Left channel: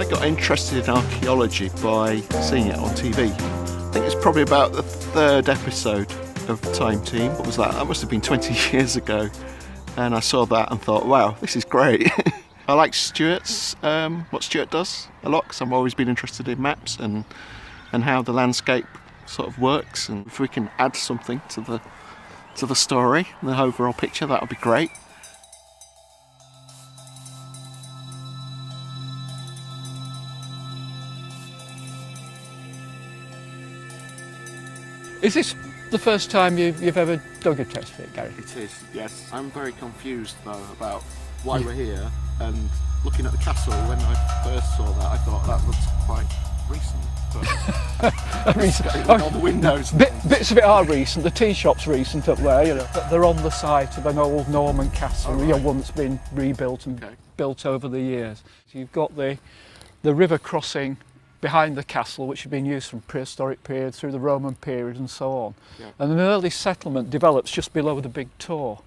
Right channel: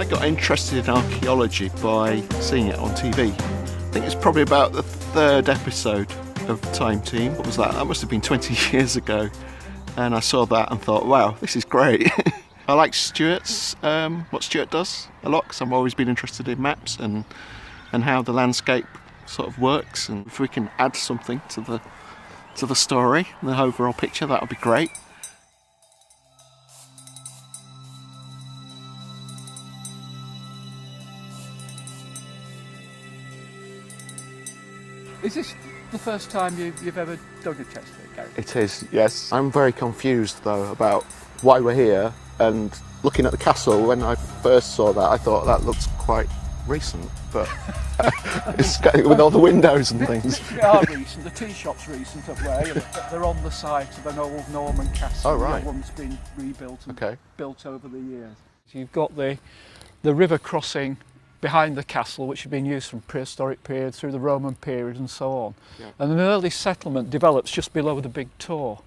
I got interested in archaeology by seeing it on TV. I think it's probably about the third episode of Time Team. What was that? That must have been 20 years ago. And I saw that and thought, wow, this is great. I like Stewart's, what Stewart does a lot, because I've always been interested in maps and how the landscape sort of works. And if we can add something to the story, the overall picture, that would be great. Is this the first time you've ever dug a test pit, Gary? It is, yes. I'm very confused though about why we're here, and looking at the castle, when I first saw that I thought that looks quite recent, but with all the windows and things. Bits of it are recent. The tea shop's recent up there, you know. They're on the site of an old Norman castle, one that's been rebuilt and built over the years. So you've got the river crossing behind the castle, which had been used from prehistoric period through the Roman period and so on. Yeah. And an early settlement develops just below the big Tor.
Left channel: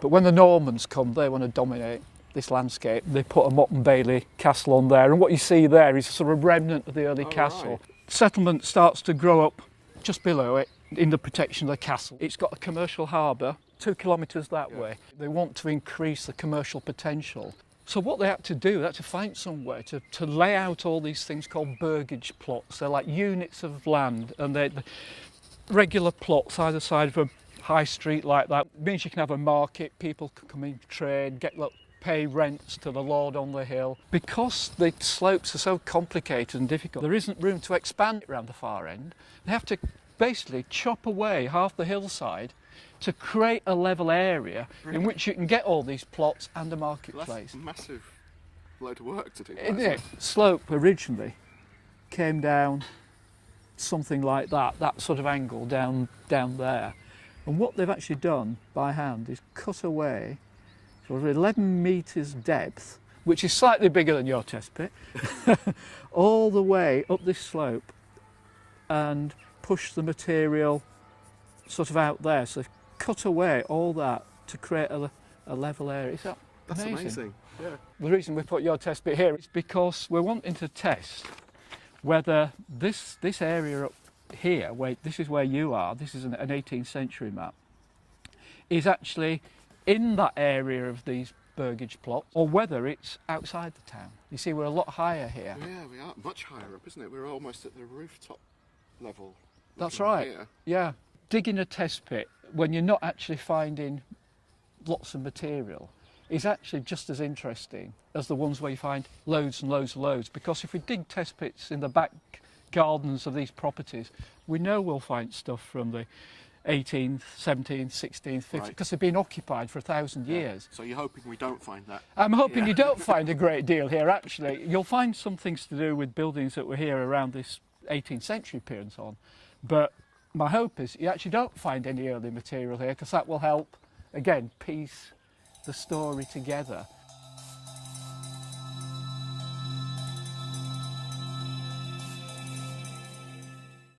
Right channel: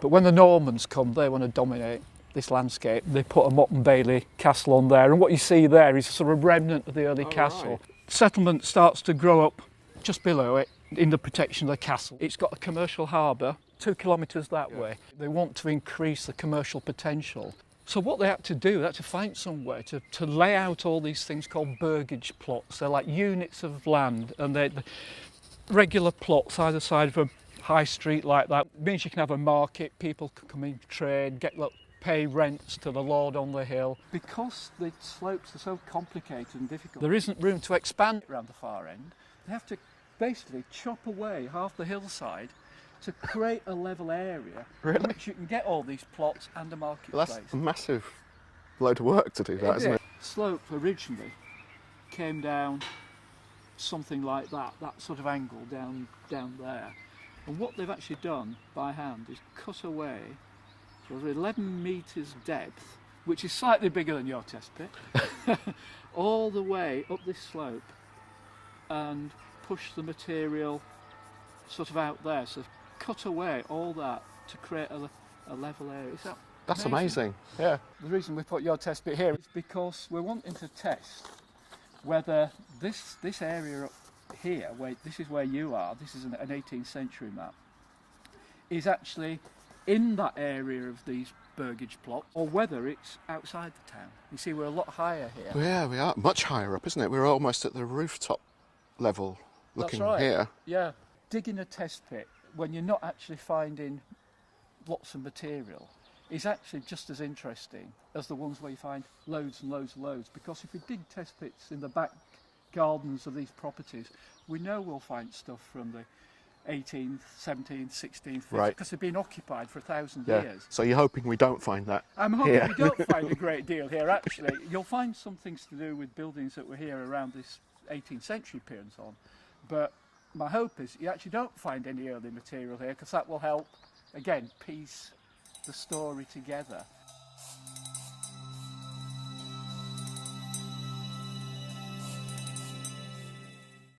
But when the Normans come, they want to dominate this landscape. They put a Motte and Bailey castle on there, and what you see there is a sort of remnant of the early castle. Right. Settlement starts to grow up just below it in the protection of the castle. It's got a commercial harbour 2 kilometres that way. They want to increase the commercial potential. So what they had to do, they had to find somewhere to lay out all these things called burgage plots. They're like units of land, and they're regular plots either side of a high street like that. It means you can have a market, people can come in, trade, pay rents to the lord on the hill. Because the slopes are so complicated and difficult, there isn't room to expand around the far end. They have to basically chop away half the hillside to create a level area in which you can get all these plots and a marketplace. Well, that's a massive load of work to do that, isn't it? Slope originally came down something like that sort of angle down there. And what they've actually done by hand is cut away sort of 11 metres depth, which is slightly bigger than your test pit, all the way up this slope and push the material sort of out there. So cut away all that to create a level area. That's amazing. Yeah. The reason we put your test pit here is because we're wanting to test whether this area up here, where this is where you are, this is an 18th century map, is actually in that area of these burgage plots, or whether it's outside the town. You see, we're a lot higher here. Well, yeah, we are much higher up, isn't it? We're almost at the rooftop level looking That's right. here. Yeah. Digging a test pit when you're not actually finding lots of material is actually just as interesting as the ones where you find loads and loads and loads, because if we dig test pits in the back gardens of these properties, we know we'll find stuff from the 18th, 17th, 16th, 15th, because they've been occupied for 1,000 years. So you're hoping we don't find that? I'm hoping you don't find a great deal here, actually. You'll find some things to do with buildings that were here around this 18th century period and so on, but my hope is you actually don't find any early material here, because that will help, again, piece the story together.